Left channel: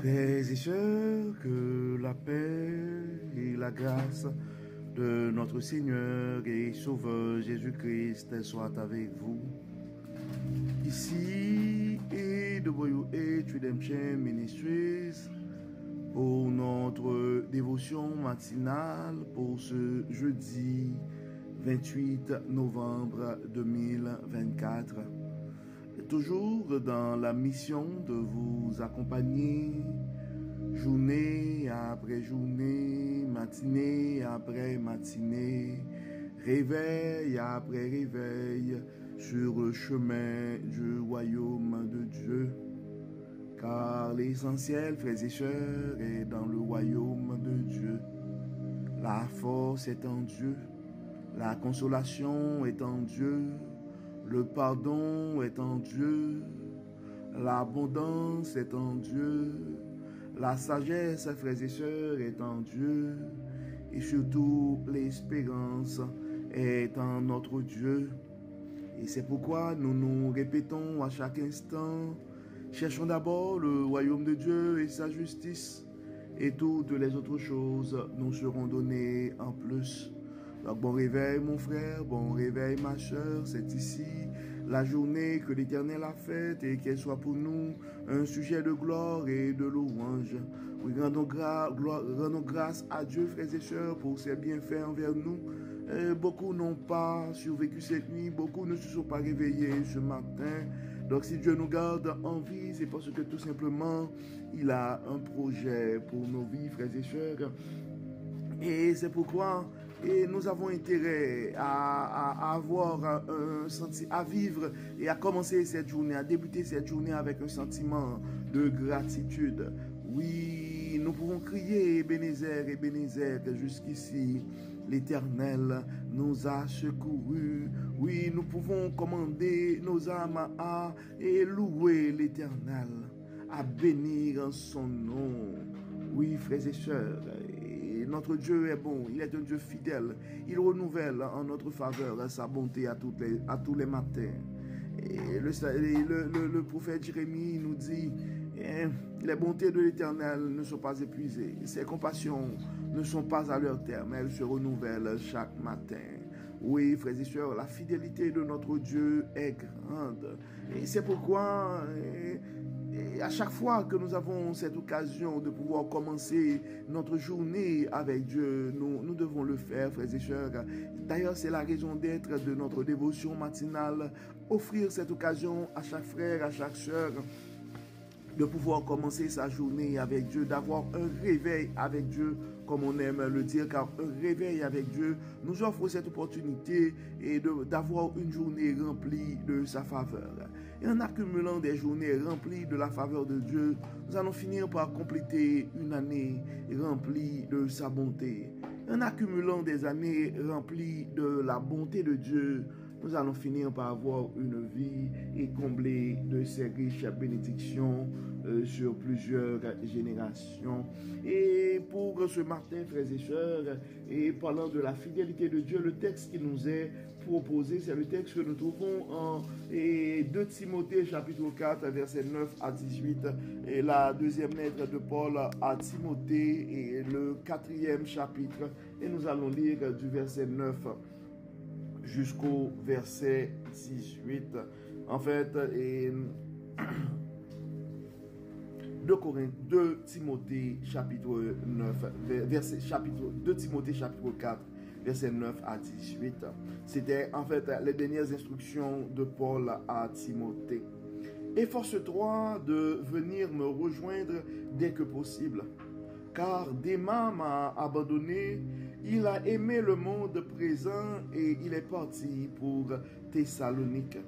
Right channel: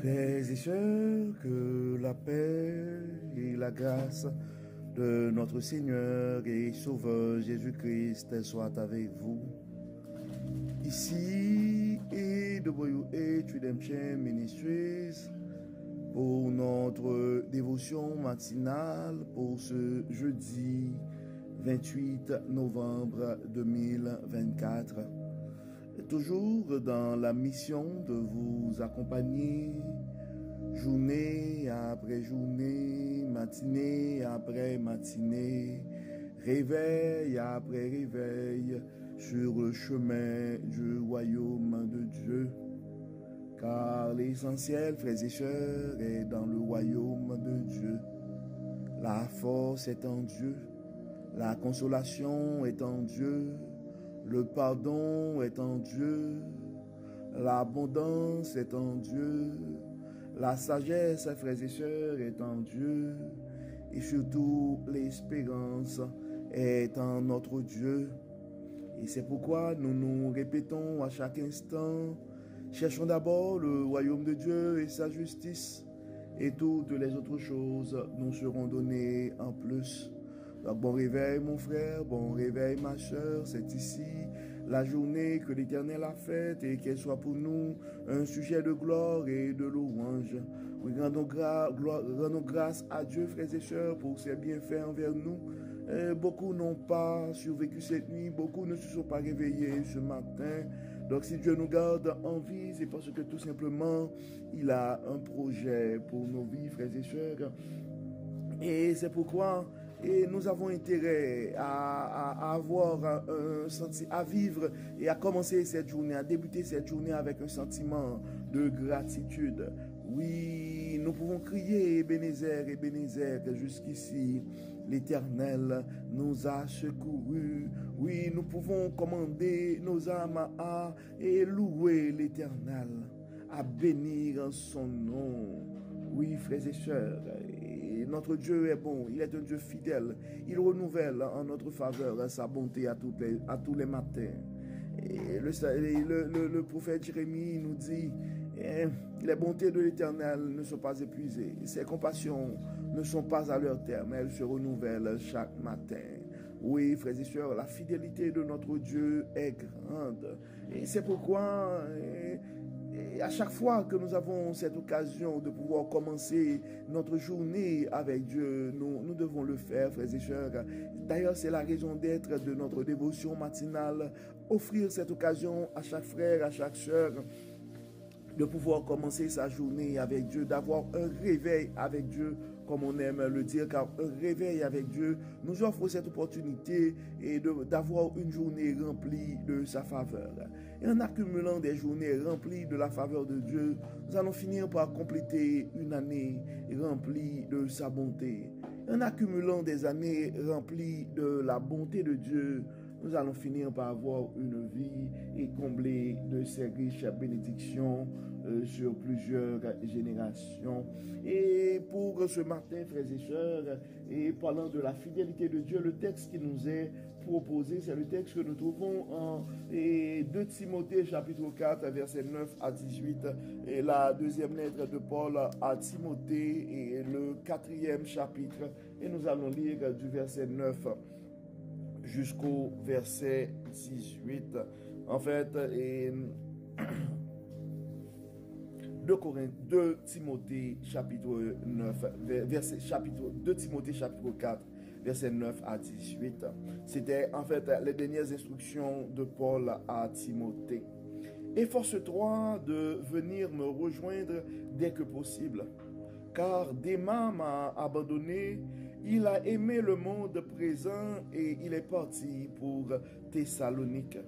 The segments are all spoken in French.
Frères et sœurs, que la paix et la grâce de notre Seigneur et Sauveur Jésus-Christ soient avec vous. Ici et de WH Redemption Ministries pour notre dévotion matinale pour ce jeudi 28 novembre 2024. Toujours dans la mission de vous accompagner journée après journée, matinée après matinée, réveil après réveil sur le chemin du royaume de Dieu. Car l'essentiel, frères et sœurs, est dans le royaume de Dieu. La force est en Dieu, la consolation est en Dieu, le pardon est en Dieu, l'abondance est en Dieu, la sagesse, frères et sœurs, est en Dieu, et surtout l'espérance est en notre Dieu. Et c'est pourquoi nous nous répétons à chaque instant, cherchons d'abord le royaume de Dieu et sa justice, et toutes les autres choses nous seront données en plus. Donc, bon réveil mon frère, bon réveil ma soeur, c'est ici la journée que l'Éternel a faite et qu'elle soit pour nous un sujet de gloire et de louange. Oui, rendons grâce à Dieu, frères et sœurs, pour ses bienfaits envers nous. Beaucoup n'ont pas survécu cette nuit, beaucoup ne se sont pas réveillés ce matin. Donc si Dieu nous garde en vie, c'est parce que tout simplement, il a un projet pour nos vies, frères et sœurs. Et c'est pourquoi nous avons intérêt à avoir un sentiment, à vivre et à commencer cette journée, à débuter cette journée avec un sentiment de gratitude. Oui, nous pouvons crier Ebenezer, jusqu'ici. L'Éternel nous a secourus. Oui, nous pouvons commander nos âmes à et louer l'Éternel, à bénir son nom. Oui, frères et sœurs, notre Dieu est bon, il est un Dieu fidèle. Il renouvelle en notre faveur sa bonté à tous les matins. Et le prophète Jérémie nous dit, les bontés de l'Éternel ne sont pas épuisées. Ses compassions ne sont pas à leur terme. Elles se renouvellent chaque matin. Oui, frères et sœurs, la fidélité de notre Dieu est grande. Et c'est pourquoi... Et à chaque fois que nous avons cette occasion de pouvoir commencer notre journée avec Dieu, nous devons le faire, frères et sœurs. D'ailleurs, c'est la raison d'être de notre dévotion matinale, offrir cette occasion à chaque frère, à chaque sœur, de pouvoir commencer sa journée avec Dieu, d'avoir un réveil avec Dieu, comme on aime le dire, car un réveil avec Dieu nous offre cette opportunité et d'avoir une journée remplie de sa faveur. Et en accumulant des journées remplies de la faveur de Dieu, nous allons finir par compléter une année remplie de sa bonté. En accumulant des années remplies de la bonté de Dieu, nous allons finir par avoir une vie et combler de ses riches bénédictions sur plusieurs générations. Et pour ce matin, frères et sœurs, et parlant de la fidélité de Dieu, le texte qui nous est proposé, c'est le texte que nous trouvons en 2 Timothée chapitre 4, versets 9 à 18, et la deuxième lettre de Paul à Timothée, et le 4e chapitre, et nous allons lire du verset 9 jusqu'au verset 18. En fait, 2 Timothée chapitre 4, verset 9 à 18. C'était en fait les dernières instructions de Paul à Timothée. Efforce-toi de venir me rejoindre dès que possible, car Démas m'a abandonné. Il a aimé le monde présent et il est parti pour Thessalonique.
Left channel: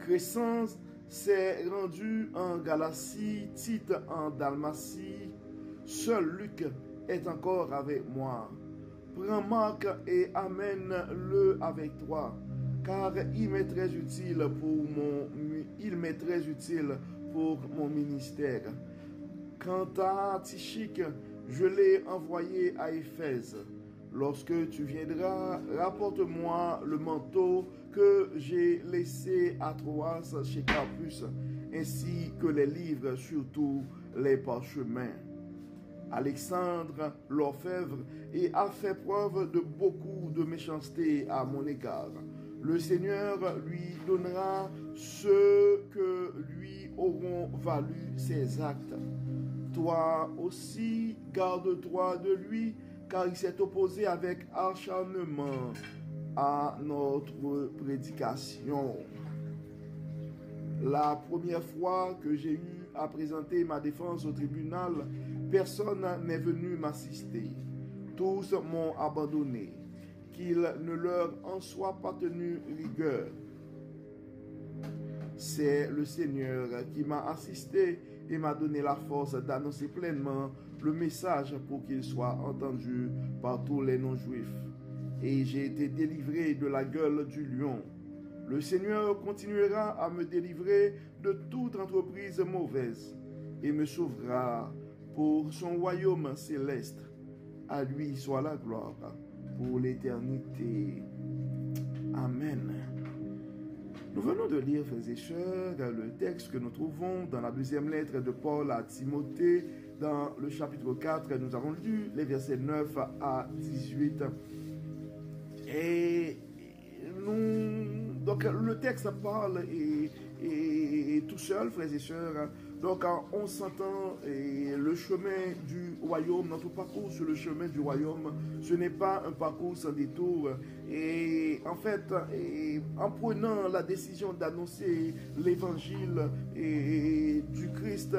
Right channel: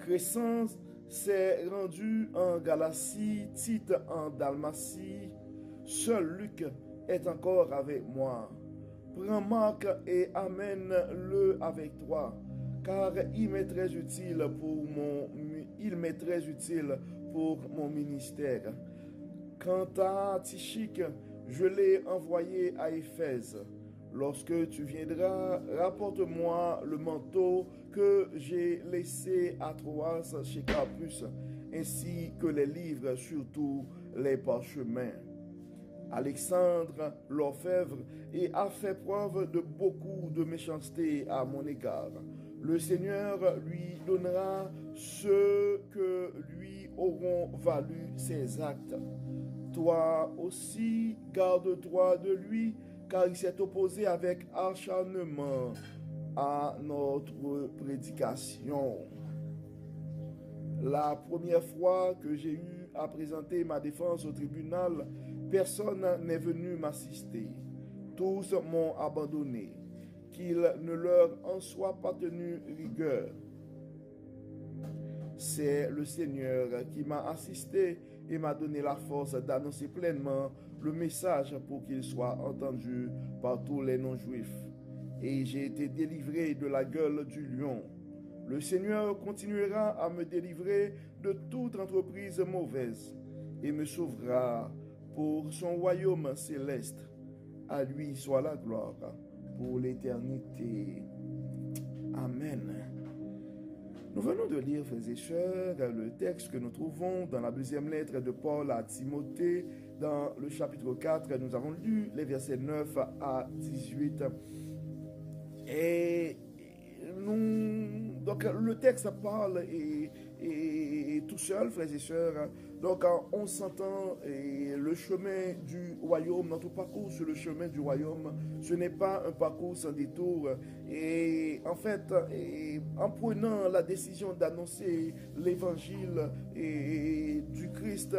Crescens s'est rendu en Galatie, Tite en Dalmatie. Seul Luc est encore avec moi. Prends Marc et amène-le avec toi, car il m'est très utile pour mon ministère. Quant à Tychique, je l'ai envoyé à Éphèse. Lorsque tu viendras, rapporte-moi le manteau que j'ai laissé à Troas chez Carpus, ainsi que les livres, surtout les parchemins. Alexandre l'orfèvre et a fait preuve de beaucoup de méchanceté à mon égard. Le Seigneur lui donnera ce que lui auront valu ses actes. Toi aussi, garde-toi de lui, car il s'est opposé avec acharnement à notre prédication. La première fois que j'ai eu à présenter ma défense au tribunal, personne n'est venu m'assister. Tous m'ont abandonné, qu'il ne leur en soit pas tenu rigueur. C'est le Seigneur qui m'a assisté et m'a donné la force d'annoncer pleinement le message pour qu'il soit entendu par tous les non-juifs. Et j'ai été délivré de la gueule du lion. Le Seigneur continuera à me délivrer de toute entreprise mauvaise et me sauvera pour son royaume céleste. À lui soit la gloire pour l'éternité. Amen. Nous venons de lire, frères et sœurs, le texte que nous trouvons dans la deuxième lettre de Paul à Timothée, dans le chapitre 4. Nous avons lu les versets 9 à 18. Et donc le texte parle et tout seul, frères et sœurs. Donc on s'entend le chemin du royaume, notre parcours sur le chemin du royaume, ce n'est pas un parcours sans détour. Et en fait, en prenant la décision d'annoncer l'évangile du Christ,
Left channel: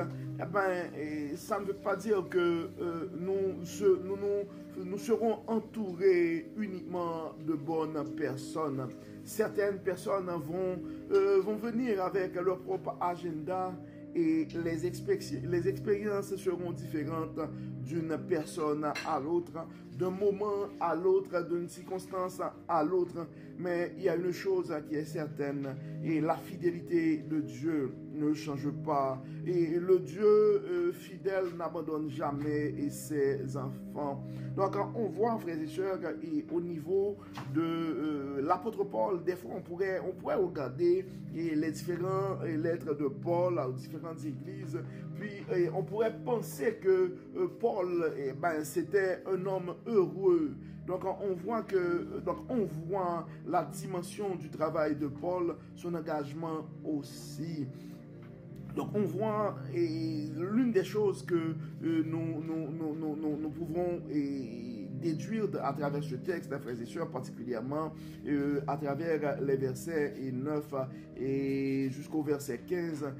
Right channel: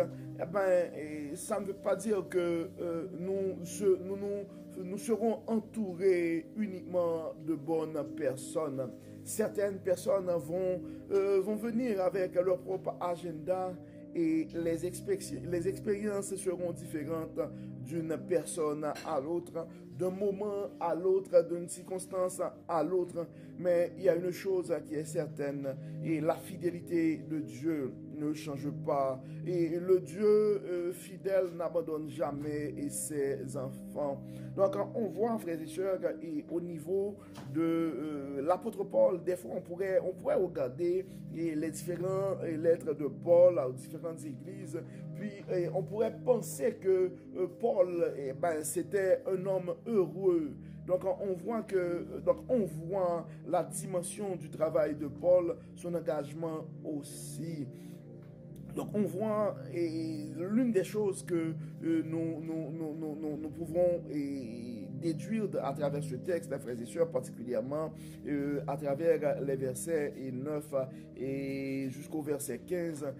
ça ne veut pas dire que nous serons entourés uniquement de bonnes personnes. Certaines personnes vont venir avec leur propre agenda et les expériences seront différentes d'une personne à l'autre, d'un moment à l'autre, d'une circonstance à l'autre. Mais il y a une chose qui est certaine, et la fidélité de Dieu ne change pas. Et le Dieu fidèle n'abandonne jamais ses enfants. Donc on voit, frères et sœurs, et au niveau de l'apôtre Paul, des fois on pourrait regarder les différentes lettres de Paul aux différentes églises, puis on pourrait penser que Paul, c'était un homme heureux. Donc on voit la dimension du travail de Paul, son engagement aussi. Donc on voit l'une des choses que nous pouvons déduire à travers ce texte, frères et sœurs, particulièrement à travers les versets 9 et jusqu'au verset 15.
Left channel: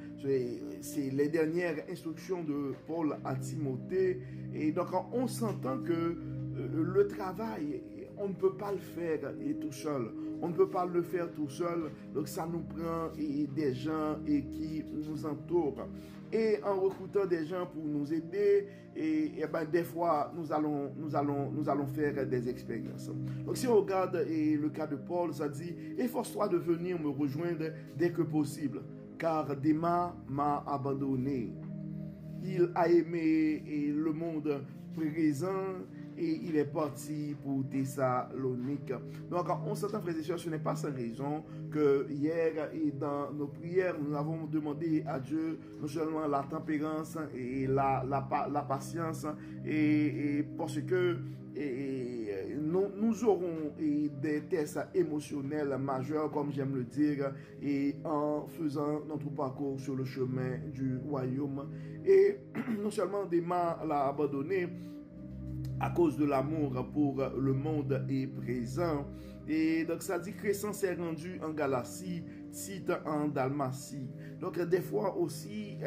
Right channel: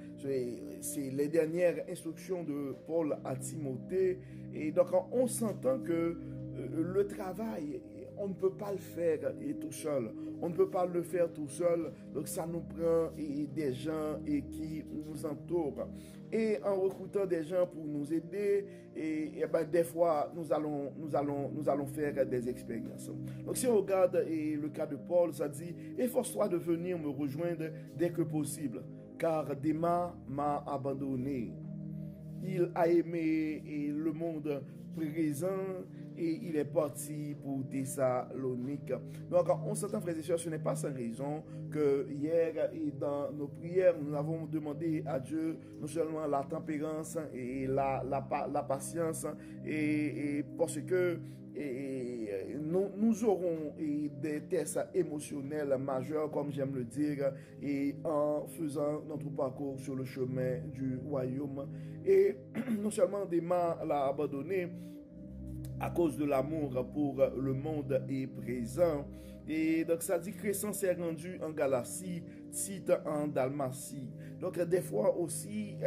C'est les dernières instructions de Paul à Timothée. Et donc on s'entend que le travail, on ne peut pas le faire tout seul. On ne peut pas le faire tout seul. Donc ça nous prend des gens qui nous entourent. Et en recrutant des gens pour nous aider, des fois, nous allons faire des expériences. Donc si on regarde le cas de Paul, ça dit, efforce-toi de venir me rejoindre dès que possible, car Démas m'a abandonné. Il a aimé le monde présent et il est parti pour Thessalonique. Donc, on s'entend, frères et sœurs, ce n'est pas sans raison que hier et dans nos prières, nous avons demandé à Dieu non seulement la tempérance et la patience, et parce que nous aurons des tests émotionnels majeurs, comme j'aime le dire, et en faisant notre parcours sur le chemin du royaume. Et non seulement Démas l'a abandonné à cause de l'amour pour le monde est présent. Et donc ça dit Crescens s'est rendu en Galatie, Tite en Dalmatie. Donc des fois aussi,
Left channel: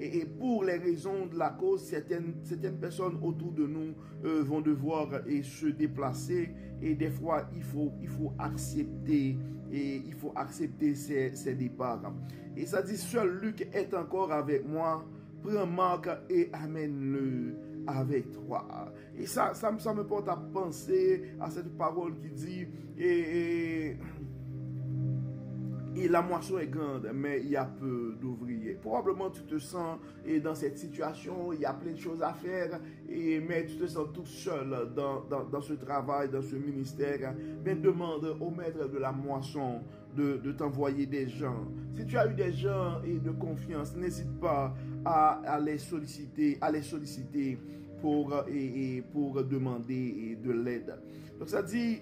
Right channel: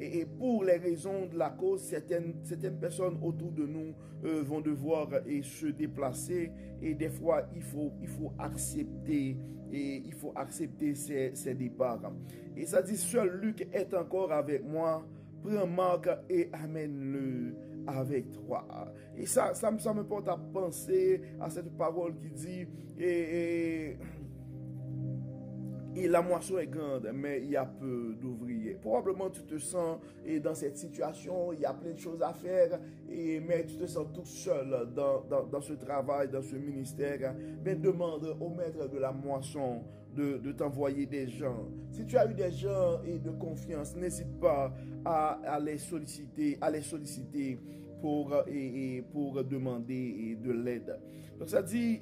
et pour les raisons de la cause, certaines personnes autour de nous vont devoir se déplacer. Et des fois, il faut accepter ces départs. Et ça dit, seul Luc est encore avec moi. Prends Marc et amène-le avec toi. Et ça me porte à penser à cette parole qui dit et la moisson est grande, mais il y a peu d'ouvriers. Probablement tu te sens dans cette situation, il y a plein de choses à faire, mais tu te sens tout seul dans ce travail, dans ce ministère. Mais demande au maître de la moisson de t'envoyer des gens. Si tu as eu des gens de confiance, n'hésite pas à les solliciter, pour demander de l'aide. Donc ça dit,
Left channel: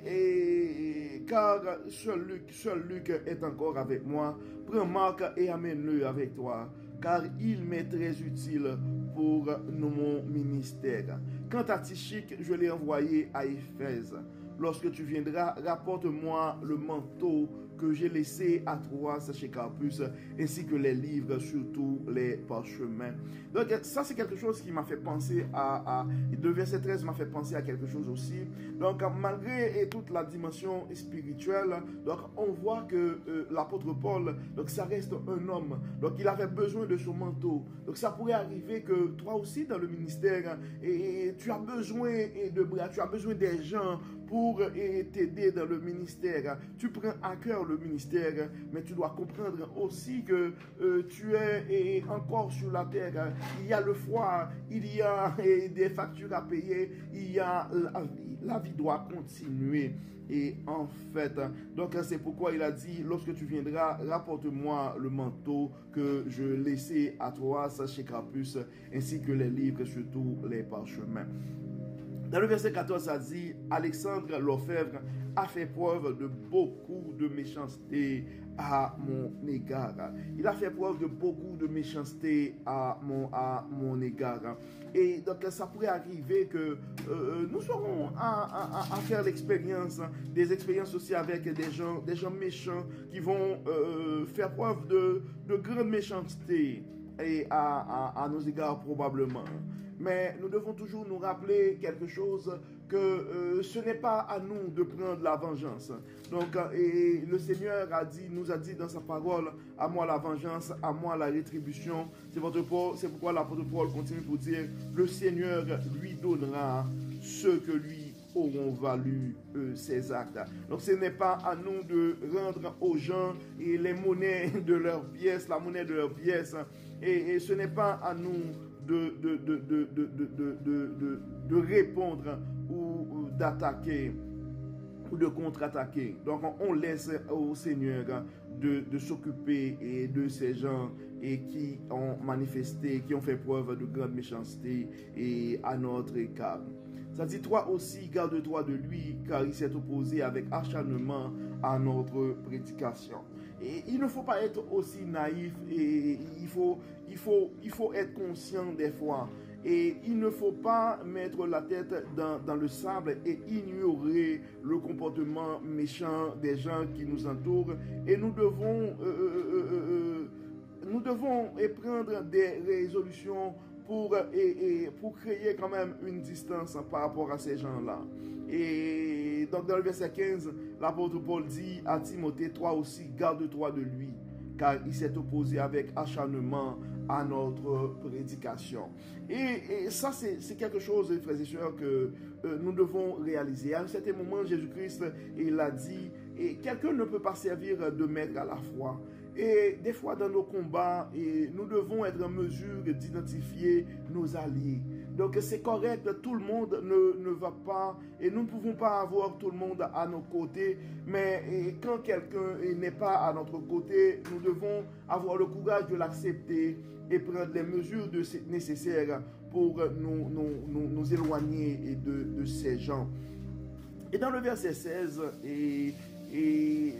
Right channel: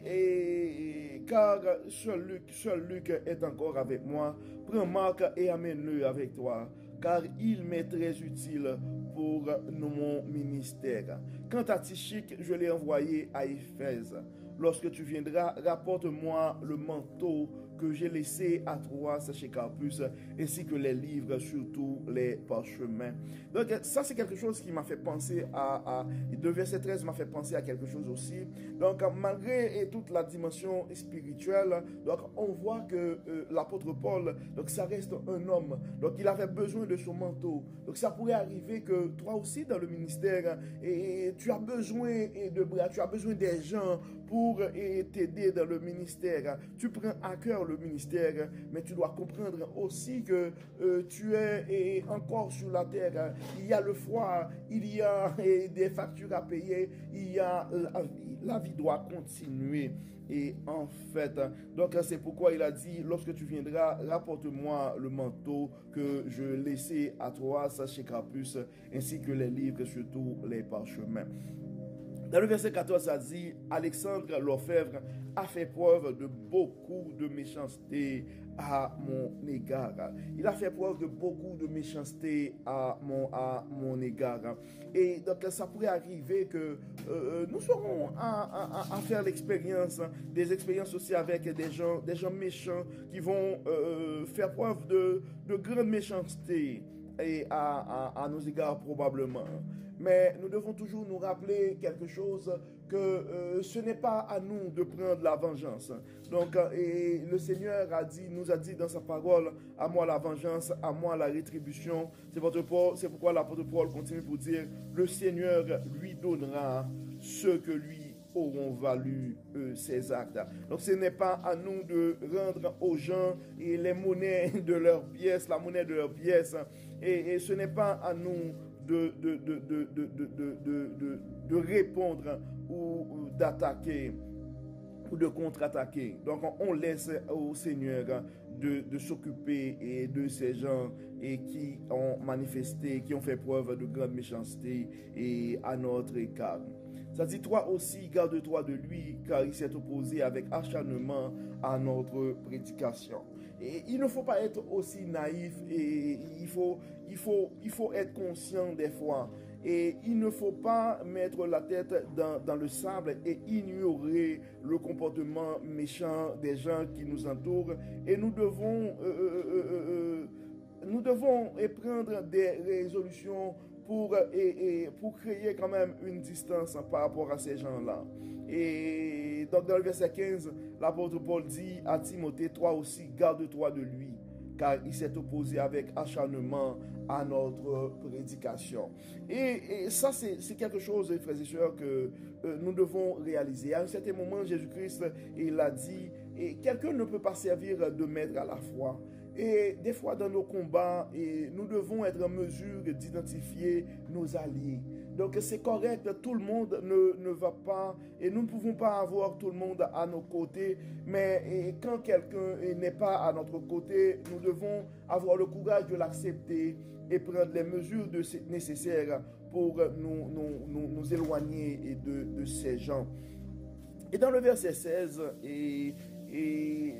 car seul Luc est encore avec moi, prends Marc et amène-le avec toi, car il m'est très utile pour mon ministère. Quant à Tychik, je l'ai envoyé à Éphèse. Lorsque tu viendras, rapporte-moi le manteau que j'ai laissé à Troas chez Carpus, ainsi que les livres, surtout les parchemins. Donc ça c'est quelque chose qui m'a fait penser le verset 13 m'a fait penser à quelque chose aussi. Donc malgré toute la dimension spirituelle, donc on voit que l'apôtre Paul, donc ça reste un homme, donc il avait besoin de son manteau. Donc ça pourrait arriver que toi aussi dans le ministère, et tu as besoin de bras, tu as besoin des gens pour t'aider dans le ministère. Tu prends à cœur le ministère, mais tu dois comprendre aussi que tu es encore sur la terre. Il y a le froid, il y a des factures à payer, il y a la vie doit continuer. Et en fait, donc c'est pourquoi il a dit, lorsque tu viendras, rapporte-moi le manteau que je laissais à Troas chez Carpus, ainsi que les livres, surtout les parchemins. Dans le verset 14, ça dit, Alexandre l'orfèvre a fait preuve de beaucoup de méchanceté à mon égard. Il a fait preuve de beaucoup de méchanceté à mon égard. Et donc, ça pourrait arriver que nous serons à faire l'expérience, des expériences aussi avec des gens méchants qui vont faire preuve de grande méchanceté et à nos égards probablement. Mais nous devons toujours nous rappeler quelque chose, que ce n'est pas à nous de prendre la vengeance. Donc, et le Seigneur nous a dit dans sa parole, à moi la vengeance, à moi la rétribution. C'est pourquoi l'apôtre Paul continue pour dire, le Seigneur lui donnera ce que lui auront valu ces actes. Donc ce n'est pas à nous de rendre aux gens et les monnaies de leurs pièces, la monnaie de leurs pièces, et ce n'est pas à nous de répondre ou d'attaquer ou de contre-attaquer. Donc on laisse au Seigneur de s'occuper de ces gens et qui ont manifesté, qui ont fait preuve de grande méchanceté et à notre égard. Ça dit, toi aussi, garde-toi de lui, car il s'est opposé avec acharnement à notre prédication. Et il ne faut pas être aussi naïf, et il faut être conscient des fois. Et il ne faut pas mettre la tête dans le sable et ignorer le comportement méchant des gens qui nous entourent. Et nous devons prendre des résolutions pour créer quand même une distance par rapport à ces gens-là. Et donc dans le verset 15, l'apôtre Paul dit à Timothée, toi aussi garde-toi de lui, car il s'est opposé avec acharnement à notre prédication. Et ça, c'est quelque chose, frères et sœurs, que nous devons réaliser. À un certain moment, Jésus-Christ, il a dit, et quelqu'un ne peut pas servir de maître à la fois. Et des fois, dans nos combats, nous devons être en mesure d'identifier nos alliés. Donc, c'est correct, tout le monde ne va pas, et nous ne pouvons pas avoir tout le monde à nos côtés, mais quand quelqu'un n'est pas à notre côté, nous devons avoir le courage de l'accepter et prendre les mesures nécessaires pour nous éloigner de ces gens. Et dans le verset 16, et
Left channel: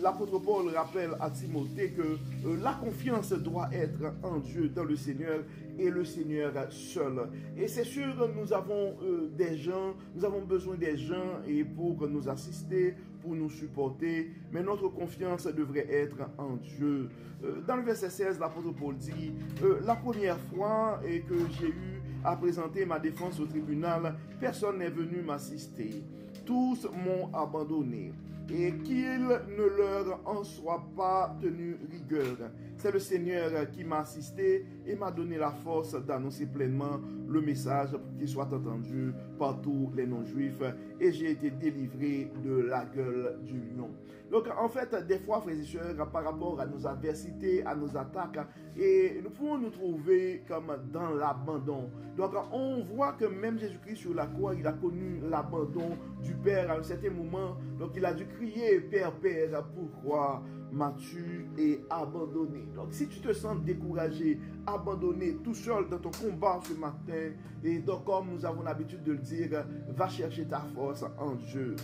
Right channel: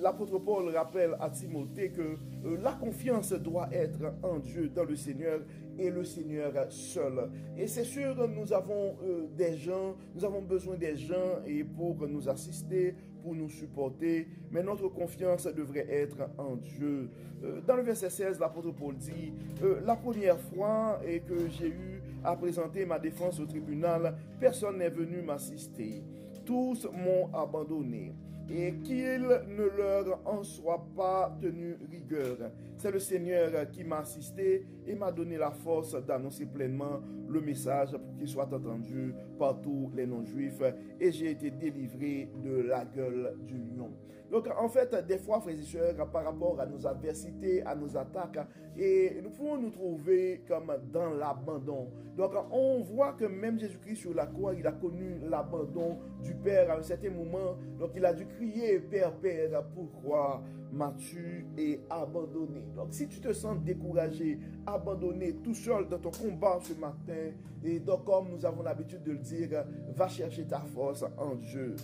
l'apôtre Paul rappelle à Timothée que la confiance doit être en Dieu, dans le Seigneur et le Seigneur seul. Et c'est sûr, nous avons nous avons besoin des gens et pour nous assister, pour nous supporter, mais notre confiance devrait être en Dieu. Dans le verset 16, l'apôtre Paul dit, la première fois que j'ai eu à présenter ma défense au tribunal, personne n'est venu m'assister. Tous m'ont abandonné. Et qu'il ne leur en soit pas tenu rigueur. C'est le Seigneur qui m'a assisté et m'a donné la force d'annoncer pleinement le message pour qu'il soit entendu par tous les non-juifs. Et j'ai été délivré de la gueule du lion. Donc en fait, des fois, frères et sœurs, par rapport à nos adversités, à nos attaques, et nous pouvons nous trouver comme dans l'abandon. Donc on voit que même Jésus-Christ sur la croix, il a connu l'abandon du Père à un certain moment. Donc il a dû crier, Père, Père, pourquoi mature et abandonné. Donc, si tu te sens découragé, abandonné, tout seul dans ton combat ce matin, et donc, comme nous avons l'habitude de le dire, va chercher ta force en Dieu.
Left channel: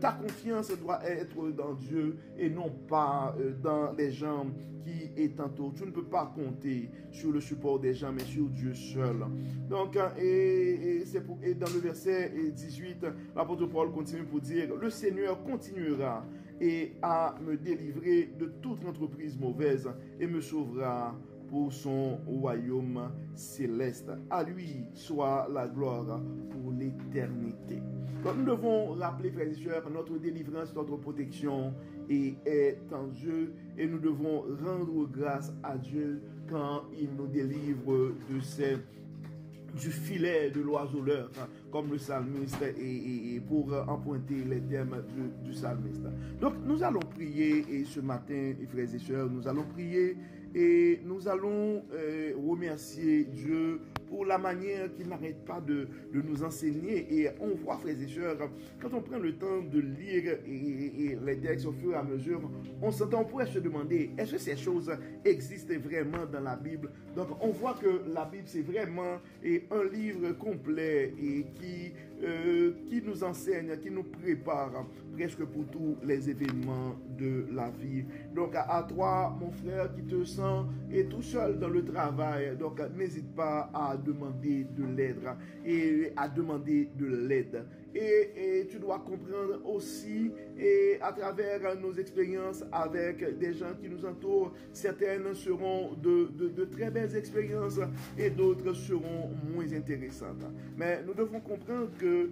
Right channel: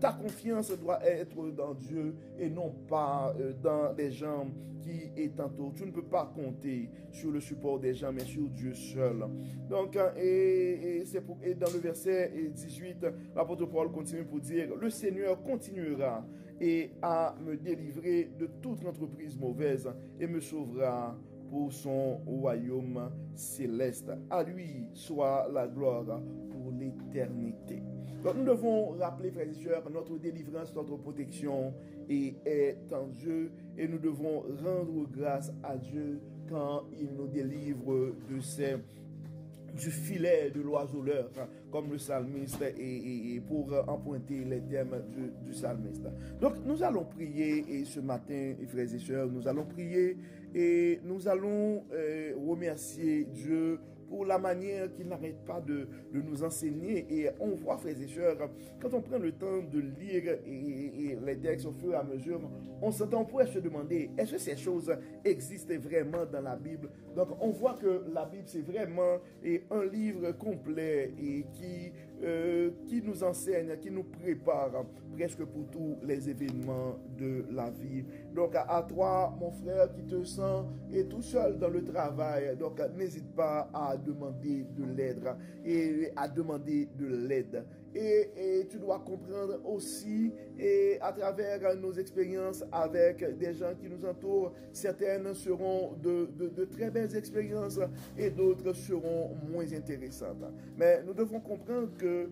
Ta confiance doit être dans Dieu et non pas dans les gens qui est tantôt. Tu ne peux pas compter sur le support des gens, mais sur Dieu seul. Donc, et dans le verset 18, l'apôtre Paul continue pour dire, le Seigneur continuera et à me délivrer de toute entreprise mauvaise et me sauvera pour son royaume céleste. À lui soit la gloire pour l'éternité. Donc nous devons rappeler, frères et sœurs, notre délivrance, notre protection est en Dieu et nous devons rendre grâce à Dieu quand il nous délivre du filet de l'oiseleur, comme le psalmiste, et pour emprunter les termes du psalmiste. Donc, nous allons prier, et ce matin, frères et sœurs, nous allons prier, et nous allons remercier Dieu pour la manière qu'il n'arrête pas de nous enseigner. Et on voit, frères et sœurs, quand on prend le temps de lire et les textes au fur et à mesure, on pourrait se demander, est-ce que ces choses existent vraiment dans la Bible? Donc, on voit que la Bible, c'est vraiment un livre complet et qui nous enseigne, qui nous prépare presque pour tous les événements de la vie. Donc, à toi, mon frère, qui te sens et tout seul dans le travail, donc n'hésite pas à demander de l'aide et à demander de l'aide. Et tu dois comprendre aussi, et à travers nos expériences avec des gens qui nous entourent, certaines seront de très belles expériences et d'autres seront moins intéressantes. Mais nous devons comprendre que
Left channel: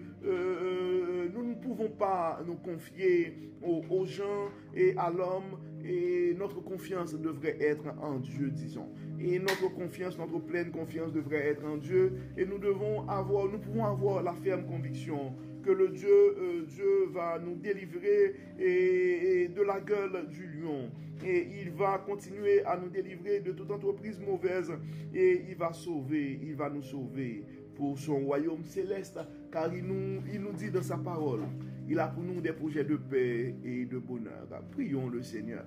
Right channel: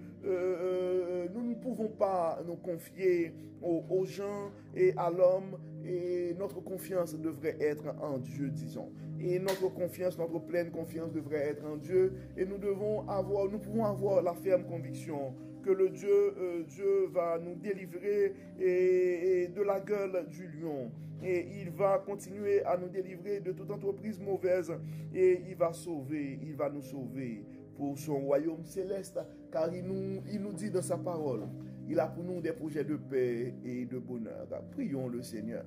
nous ne pouvons pas nous confier aux gens et à l'homme, et notre confiance devrait être en Dieu, disons. Et notre confiance, notre pleine confiance devrait être en Dieu. Et nous pouvons avoir la ferme conviction que le Dieu va nous délivrer de la gueule du lion. Et il va continuer à nous délivrer de toute entreprise mauvaise. Et il va nous sauver pour son royaume céleste. Car il nous dit dans sa parole, il a pour nous des projets de paix et de bonheur. Prions le Seigneur.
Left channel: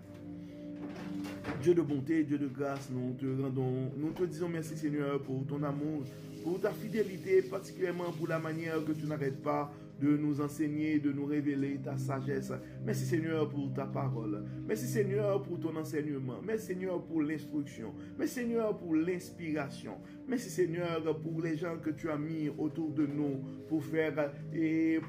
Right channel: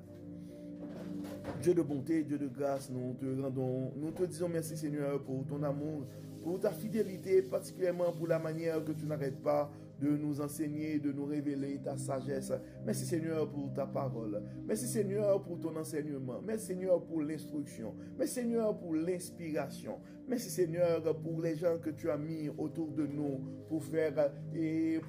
Dieu de bonté, Dieu de grâce, nous te disons merci Seigneur pour ton amour, pour ta fidélité, particulièrement pour la manière que tu n'arrêtes pas de nous enseigner, de nous révéler ta sagesse. Merci Seigneur pour ta parole. Merci Seigneur pour ton enseignement. Merci Seigneur pour l'instruction. Merci Seigneur pour l'inspiration. Merci Seigneur pour les gens que tu as mis autour de nous pour faire et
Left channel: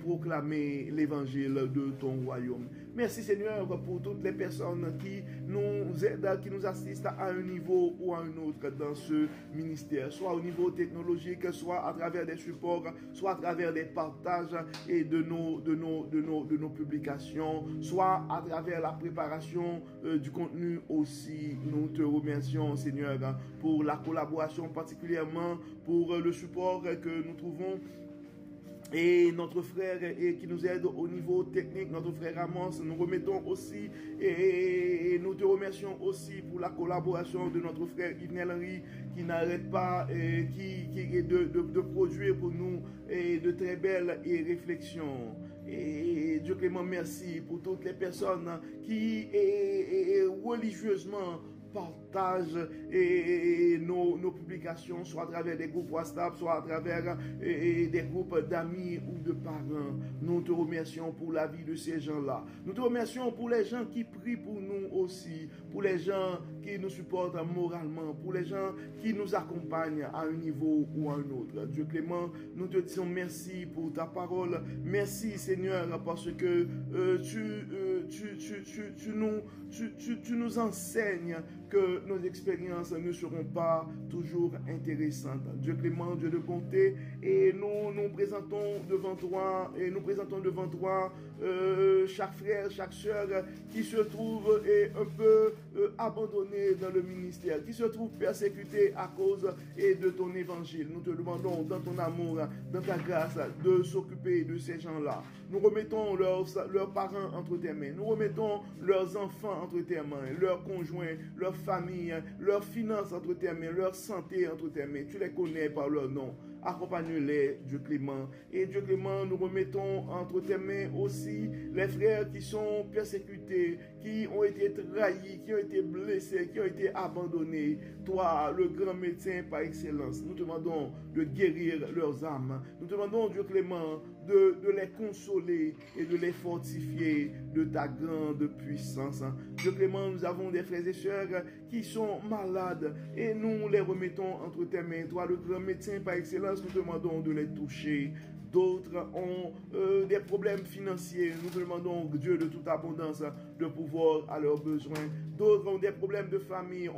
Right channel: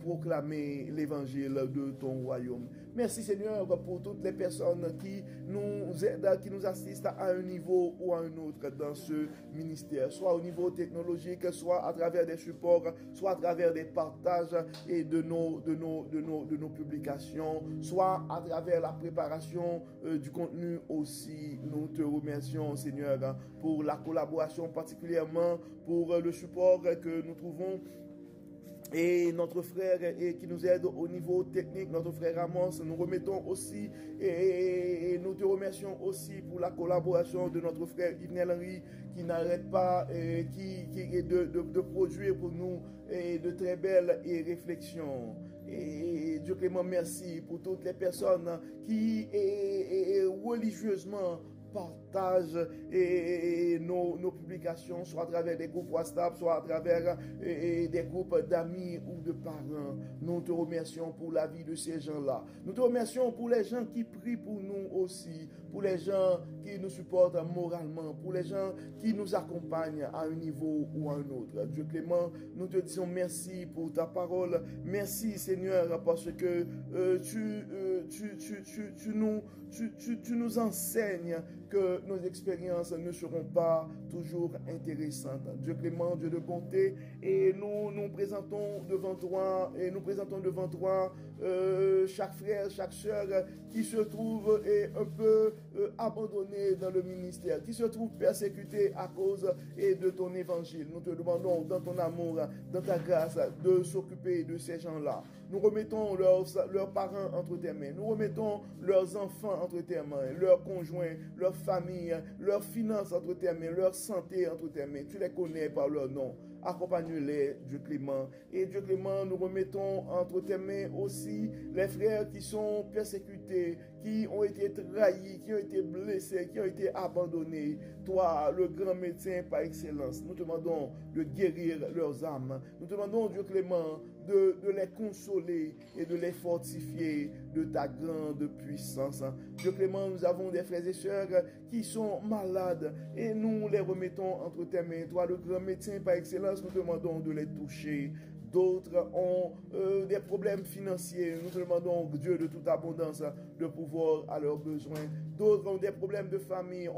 proclamer l'évangile de ton royaume. Merci Seigneur pour toutes les personnes qui nous aident, qui nous assistent à un niveau ou à un autre dans ce ministère, soit au niveau technologique, soit à travers des supports, soit à travers des partages et de nos publications, soit à travers la préparation du contenu aussi. Nous te remercions Seigneur pour la collaboration, particulièrement pour le support que nous trouvons. Et notre frère qui nous aide au niveau technique, notre frère Amos, nous remettons aussi et nous te remercions aussi pour la collaboration de notre frère Yves Henry qui n'arrête pas de produire pour nous de très belles réflexions. Et Dieu Clément, merci pour toutes les personnes qui religieusement partagent nos publications, soit à travers des groupes WhatsApp, soit à travers des groupes d'amis ou de parents. Nous te remercions pour la vie de ces gens-là. Nous te remercions pour les gens qui prient pour nous aussi, pour les gens qui nous supportent moralement, pour les gens qui nous accompagnent à un niveau ou à un autre. Dieu Clément, nous te disons merci pour ta parole. Merci Seigneur parce que tu nous enseignes que nos expériences ne seront pas toujours intéressantes. Dieu Clément, Dieu de bonté, et nous présentons devant toi, chaque frère, chaque sœur qui se trouve un peu abandonné dans le ministère, qui se trouve persécuté à cause de ton évangile. Nous te demandons dans ton amour, dans ta grâce, de s'occuper de ces gens-là. Nous remettons leurs parents entre tes mains. Nous remettons leurs enfants entre tes mains, leurs conjoints, leurs familles, leurs finances entre tes mains, leur santé entre tes mains. Tu les connais par leur nom. Accompagne-les, Dieu Clément. Et Dieu Clément, nous remettons entre tes mains aussi les frères qui sont persécutés, qui ont été trahis, qui ont été blessés, qui ont été abandonnés. Toi, le grand médecin par excellence, nous te demandons de guérir leurs âmes. Nous te demandons, Dieu clément, de les consoler et de les fortifier de ta grande puissance. Dieu clément, nous avons des frères et sœurs qui sont malades et nous les remettons entre tes mains. Toi, le grand médecin par excellence, nous te demandons de les toucher. D'autres ont des problèmes financiers. Nous te demandons, Dieu de toute abondance, de pouvoir à leurs besoins. D'autres ont des problèmes de famille,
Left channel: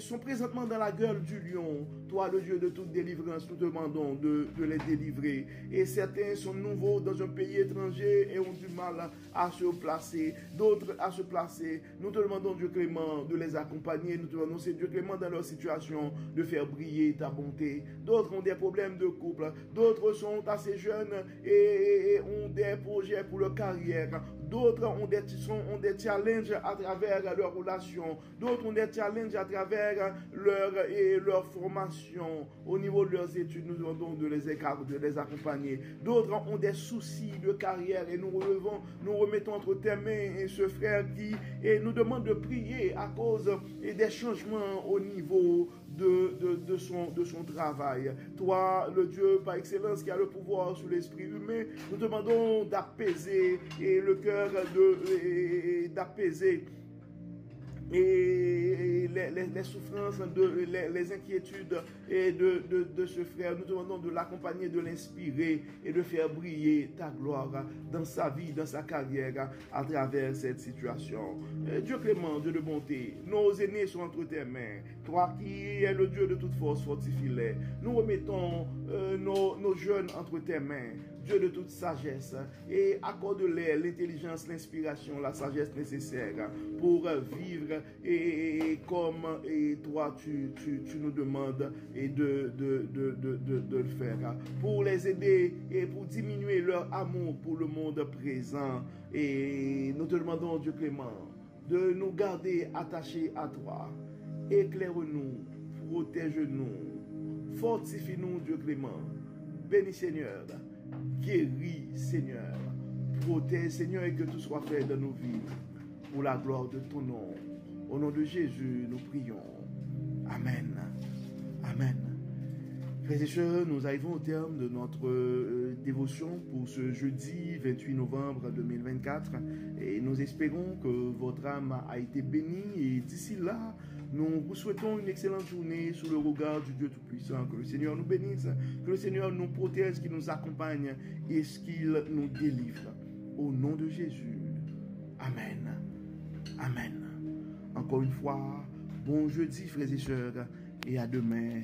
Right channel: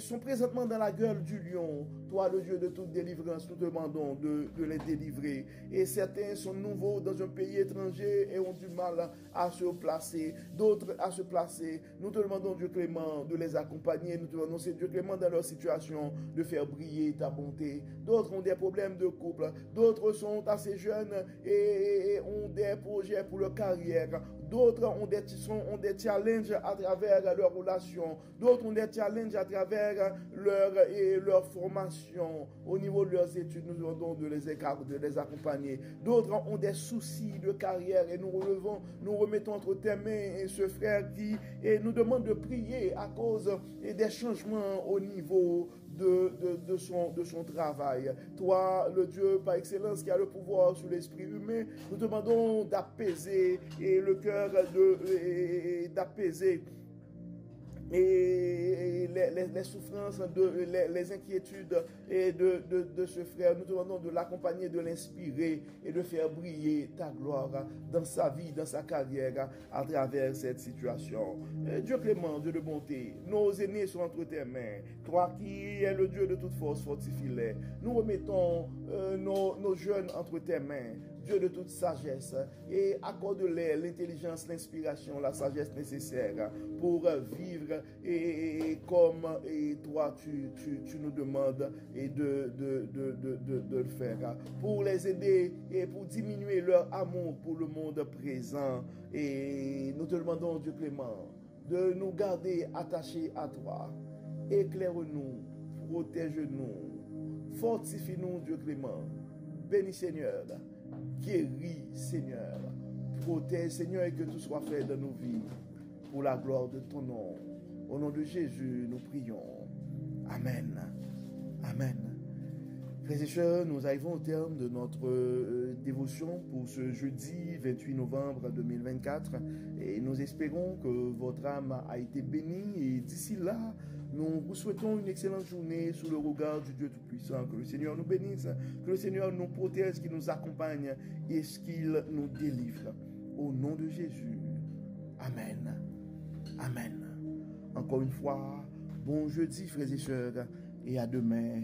sont présentement dans la gueule du lion. Toi, le Dieu de toute délivrance, nous te demandons de les délivrer. Et certains sont nouveaux dans un pays étranger et ont du mal à se placer. D'autres à se placer. Nous te demandons, Dieu clément, de les accompagner. Nous te demandons, c'est Dieu clément dans leur situation, de faire briller ta bonté. D'autres ont des problèmes de couple. D'autres sont assez jeunes et ont des projets pour leur carrière. D'autres ont des challenges à travers leur relation. D'autres ont des challenges à travers leur formation. Au niveau de leurs études, nous demandons de les accompagner. D'autres ont des soucis de carrière et nous remettons entre tes mains et ce frère qui nous demande de prier à cause des changements au niveau de son travail. Toi, le Dieu par excellence qui a le pouvoir sur l'esprit humain, nous te demandons d'apaiser et le cœur d'apaiser et les souffrances, les inquiétudes et de ce frère. Nous te demandons de l'accompagner, de l'inspirer et de faire briller ta gloire dans sa vie, dans sa carrière, à travers cette situation. Et Dieu clément, Dieu de bonté, nos aînés sont entre tes mains. Toi qui es le Dieu de toute force, fortifie-les. Nous remettons nos jeunes entre tes mains. Dieu de toute sagesse, et accorde-leur l'intelligence, l'inspiration, la sagesse nécessaire pour vivre et comme toi tu nous demandes et de le faire, pour les aider et pour diminuer leur amour pour le monde présent. Et nous te demandons, Dieu clément, de nous garder attachés à toi. Éclaire-nous, protège-nous, fortifie-nous, Dieu clément. Bénis Seigneur, guéris Seigneur, protège Seigneur, et que tout soit fait dans nos vies pour la gloire de ton nom. Au nom de Jésus, nous prions. Amen. Amen. Frères et sœurs, nous arrivons au terme de notre dévotion pour ce jeudi 28 novembre 2024 et nous espérons que votre âme a été bénie et d'ici là, nous vous souhaitons une excellente journée sous le regard du Dieu Tout-Puissant. Que le Seigneur nous bénisse, que le Seigneur nous protège, qu'il nous accompagne et qu'il nous délivre. Au nom de Jésus. Amen. Amen. Encore une fois, bon jeudi frères et sœurs et à demain.